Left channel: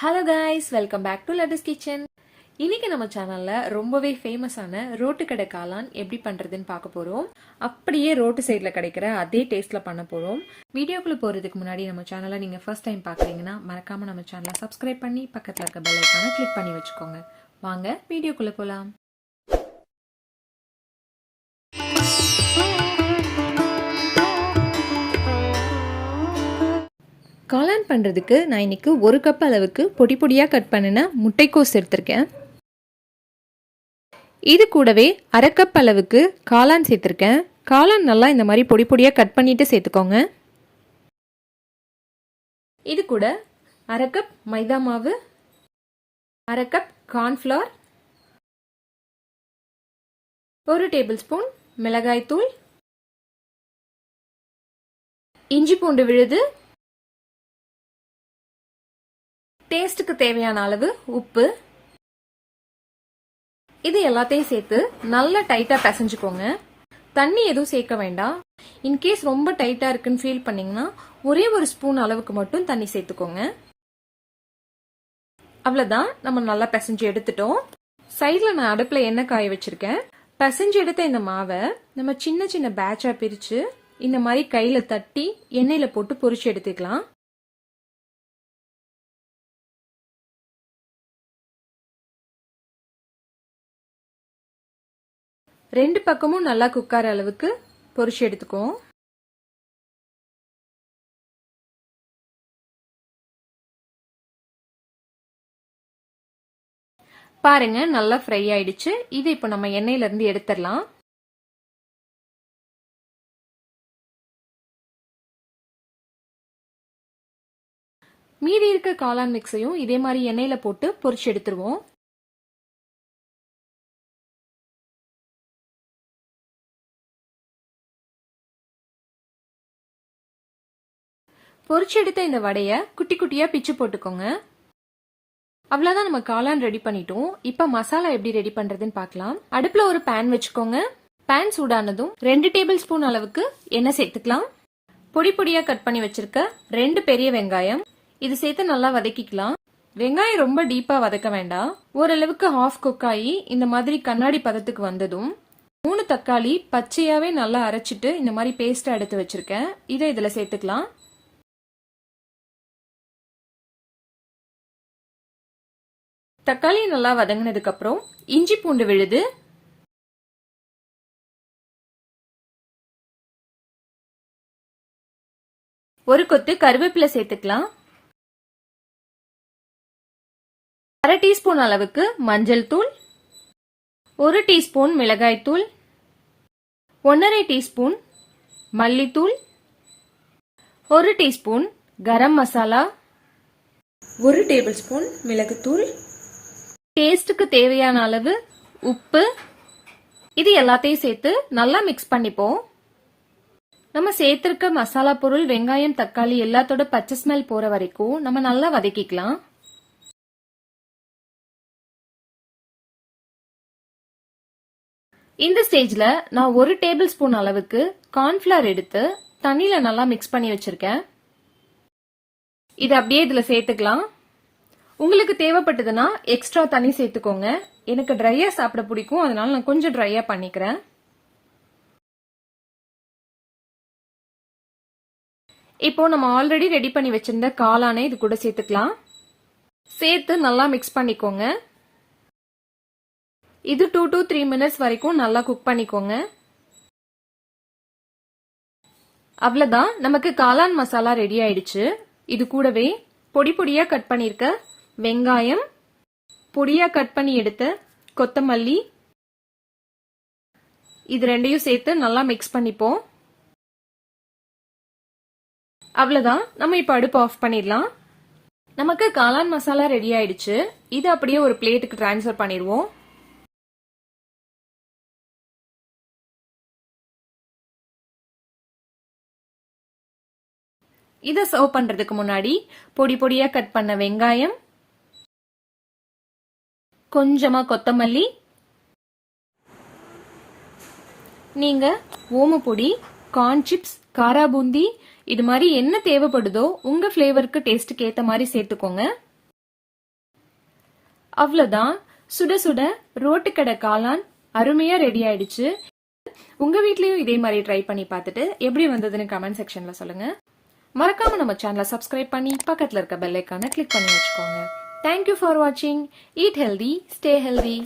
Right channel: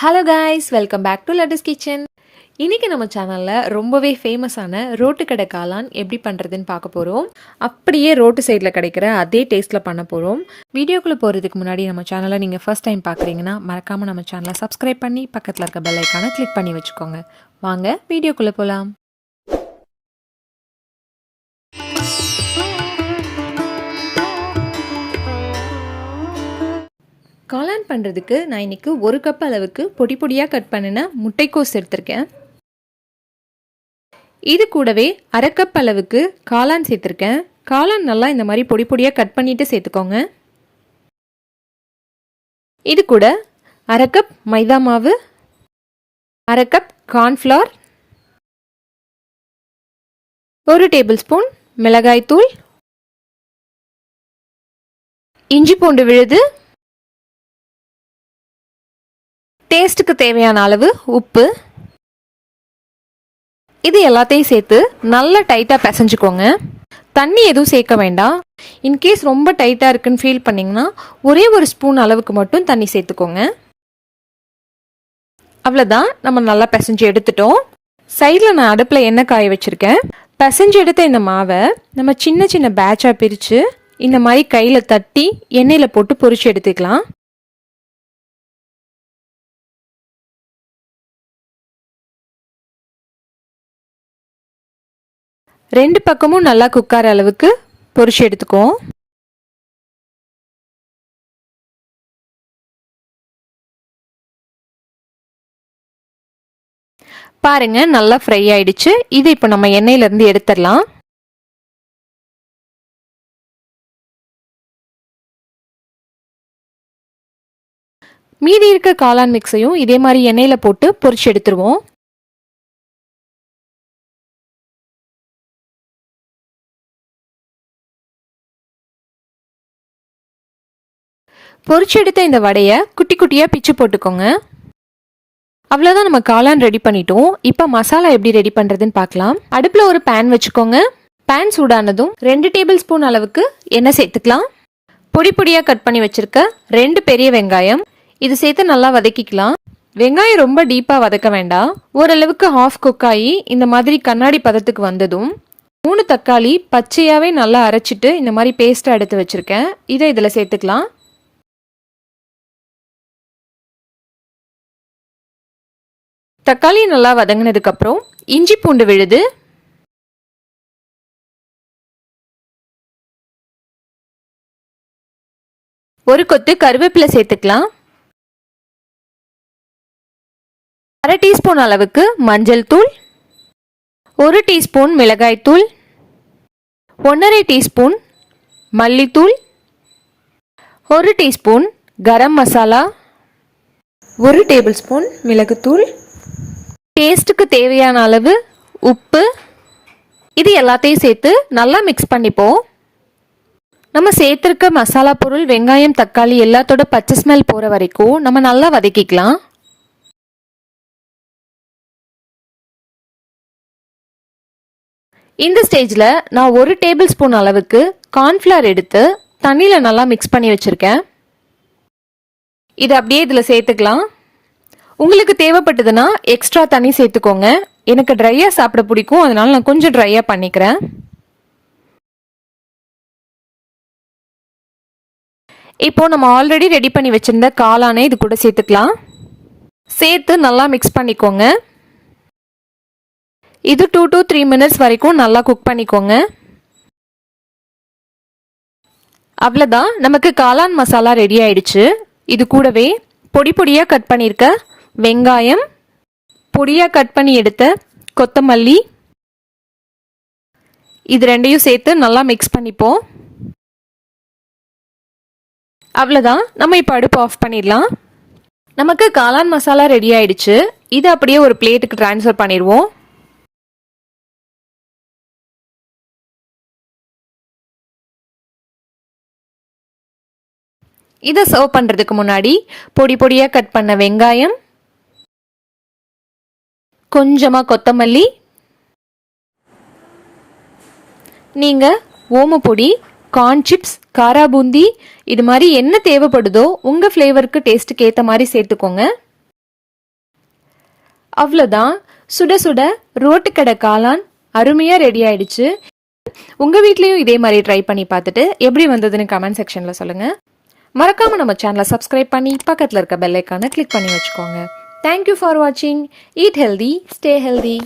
Hello guys, welcome back to Laddu's kitchen. இன்றைக்கி நம்ம சேனலில் ரொம்பவே ஃபேமஸான ரோட்டு கடை காளான் எப்படி பண்ணுறதுன்னு பார்க்க போகிறோம். அப்படியே ரோட்டு சைடில் கிடைக்கிற அதே டேஸ்ட்டில் பண்ண போகிறோம். வீடியோக்குள்ளே போகிறதுக்கு முன்னாடி நம்ம சேனலை நீங்கள் ஃபர்ஸ்ட் டைம் பார்க்குறீங்கன்னா மறக்காமல் நம்ம சேனலை சப்ஸ்கிரைப் பண்ணி பக்கத்தில் இருக்க பெல் ஐக்கானை கிளிக் பண்ணி வச்சுக்கோங்க. வாங்க வீடியோக்குள்ளே போகலாம். காளான் பண்ணுறதுக்கு நான் இன்றைக்கி 1 கப் அளவுக்கு பொடி பொடியாக கட் பண்ணின முட்டைக்கோஸ் எடுத்திருக்கேன். இது கூடவே 1/2 கப் அளவுக்கு காளான் சேர்த்துருக்கேன். காளான் நல்லா இந்த மாதிரி பொடி பொடியாக கட் பண்ணிவிட்டு சேர்த்துக்கோங்க. இது கூட 1/2 கப் மைதா மாவு, 1/2 கப் கார்ன்ஃப்ளவர், 1 டேபிள் ஸ்பூன் மிளகாய்த்தூள், இஞ்சி பூண்டு விழுது, டேஸ்ட்டுக்கு தேவையான அளவு உப்பு, இது எல்லாத்தையும் சேர்த்து நல்லா டைட்டாக பிசைஞ்சுக்கோங்க. தண்ணி எதுவும் சேர்க்க வேண்டாம். இன்கேஸ் ரொம்ப டைட்டாக இருக்குன்னு ஃபீல் பண்ணிங்கன்னா ஒரே 1 ஸ்பூன் அளவுக்கு மட்டும் தண்ணி சேர்த்துக்கோங்க. அவ்வளோதான், நம்ம நல்லா பிசைஞ்சு எடுத்துட்டோம். சைடில் நான் அடுப்பில் எண்ணெய் காய வச்சுருக்கேன். பிசைஞ்சு எடுத்த இந்த மாவை நம்ம சின்ன சின்ன பேட்சாக பிரித்து இந்த மாதிரி கையில் தட்டி எண்ணெயில் போட்டு பொரிச்சு எடுத்துக்கலாம். ரெண்டு பக்கமும் நல்லா குக்கார அளவுக்கு பொரிச்சு எடுத்துக்குவோம். பாருங்க, நல்லா ஃப்ரை ஆயிடுச்சு. இது இப்போ நம்ம எண்ணெயிலிருந்து எடுத்துடலாம். மீதி இருக்க காளான் மிக்ஸையும் இதே மாதிரி எண்ணெயில போட்டு பொரிச்சு எடுத்துருவோம். பொரிச்சு எடுத்த இந்த வடையை குட்டி குட்டியாக பிச்சு போட்டுக்கோங்க. அவ்வளோதான், நம்ம காளான் ரெடி பண்ணிட்டோம். இப்போ மசாலா எப்படி ரெடி பண்ணுறதுன்னு பார்க்கலாம். அடுப்பில் ஒரு பேன் வச்சுக்கோங்க. பேன் சூடானதும் 2 டேபிள் ஸ்பூன் அளவுக்கு எண்ணெய் சேர்த்துக்கலாம். பொடி பொடியாக கட் பண்ணி வச்சுருக்க 2 பெரிய வெங்காயம் இது சேர்த்து நல்லா வதக்கிக்கலாம். வெங்காயம் ரொம்ப டீப்பாக வதக்க வேண்டாம். ஓரளவுக்கு ஹாஃப் குக் ஆகி இந்த மாதிரி கண்ணாடி பதத்துக்கு வந்ததும் 3 தக்காளி பச்சையாகவே நல்லா அரைச்சிட்டு இந்த மாதிரி பேஸ்ட்டாக எடுத்து வச்சுருக்கேன். இதை இதில் சேர்த்துக்கலாம். தக்காளி நல்லா வதங்கினதுக்கு அப்புறம் இஞ்சி பூண்டு விழுது, ஒரு கொத்து கருவேப்பிலை சேர்த்துக்கலாம். 1/2 டீஸ்பூன் அளவுக்கு மஞ்சள் தூள், 1 டீஸ்பூன் மிளகாய் தூள், 1/2 டீஸ்பூன் மல்லித்தூள், 1 teaspoon garam masala, 1 table spoon மிளகுத்தூள், டேஸ்ட்டுக்கு தேவையான அளவு உப்பு, இது எல்லாத்தையும் சேர்த்து நல்லா மிக்ஸ் பண்ணிப்போம். நம்ம சேர்த்துருக்க மசாலா பொருள், வெங்காயம், தக்காளி எல்லாத்தோட பச்சை ஸ்மெல் போகிற வரைக்கும் நம்ம நல்லா வதக்கிக்கலாம். இந்த ஸ்டேஜில் நான் 1 டேபிள் ஸ்பூன் அளவுக்கு கார்ன்ஃப்ளவர் எடுத்து தண்ணியில் நல்லா மிக்ஸ் பண்ணி வச்சுருக்கேன். இது அப்படியே இதில் சேர்த்துக்கலாம். உங்களுக்கு தேவைப்பட்டதுன்னா எக்ஸ்ட்ரா தண்ணி சேர்த்துக்கோங்க. எனக்கு ட்ரையாக சாப்பிட பிடிக்கும், அதனால நான் கொஞ்சம் ட்ரையாக பண்ணிக்கிறேன். இப்போ நம்ம ஆல்ரெடி ரெடி பண்ணி வச்சிருந்த காளானை இது கூட சேர்த்துக்கலாம். சேர்த்து நல்லா மிக்ஸ் பண்ணிக்கோங்க. இது 2 to 3 மினிட்ஸ் வரைக்கும் நல்லா குக் பண்ணிக்கோங்க. அவ்வளோதான், நமக்கு காளான் மசாலா ரெடி ஆயிடுச்சு. இது கூடவே பொடி பொடியாக கட் பண்ணியிருக்க வெங்காயம், பொடியாக கட் பண்ணி எடுத்த கொத்தமல்லி, இது ரெண்டையும் சேர்த்து நல்லா மிக்ஸ் பண்ணிப்போம். அவ்வளோதான், நம்ம இப்போ அடுப்பு ஆஃப் பண்ணிடலாம். நமக்கு காளான் மசாலா ரெடி ஆயிடுச்சு. இது அப்படியே ஒரு பிளேட்டுக்கு ட்ரான்ஸ்ஃபர் பண்ணிடுவோம். இதை சர்வ் பண்ணுறதுக்கு முன்னாடி பொடி பொடியாக கட் பண்ண வெங்காயம், கொஞ்சமாக கொத்தமல்லி, நீங்கள் ஓமப்பொடி, கார்ன் சிப்ஸ், காரா பூந்தி, இது மாதிரி என்ன தேவைப்படுதோ உங்கள் ஃப்ளேவருக்கு டேஸ்ட்டுக்கு ஏற்ற மாதிரி சேர்த்துக்கோங்க. அவ்வளோதான், சுட சுட ரோட்டுக்கடை காளான் அருமையாக ரெடி ஆயிடுச்சு. உங்கள் வீட்லேயும் இதே மாதிரி ட்ரை பண்ணி பார்த்துட்டு எப்படி வந்ததுன்னு கமெண்ட் செக்ஷனில் சொல்லுங்கள். மறக்காமல் நம்ம சேனலை சப்ஸ்கிரைப் பண்ணி பக்கத்தில் இருக்க பெல் ஐக்கானை கிளிக் பண்ணி வச்சுக்கோங்க. தேங்க்யூ ஃபார் வாட்சிங். Eat healthy, stay healthy.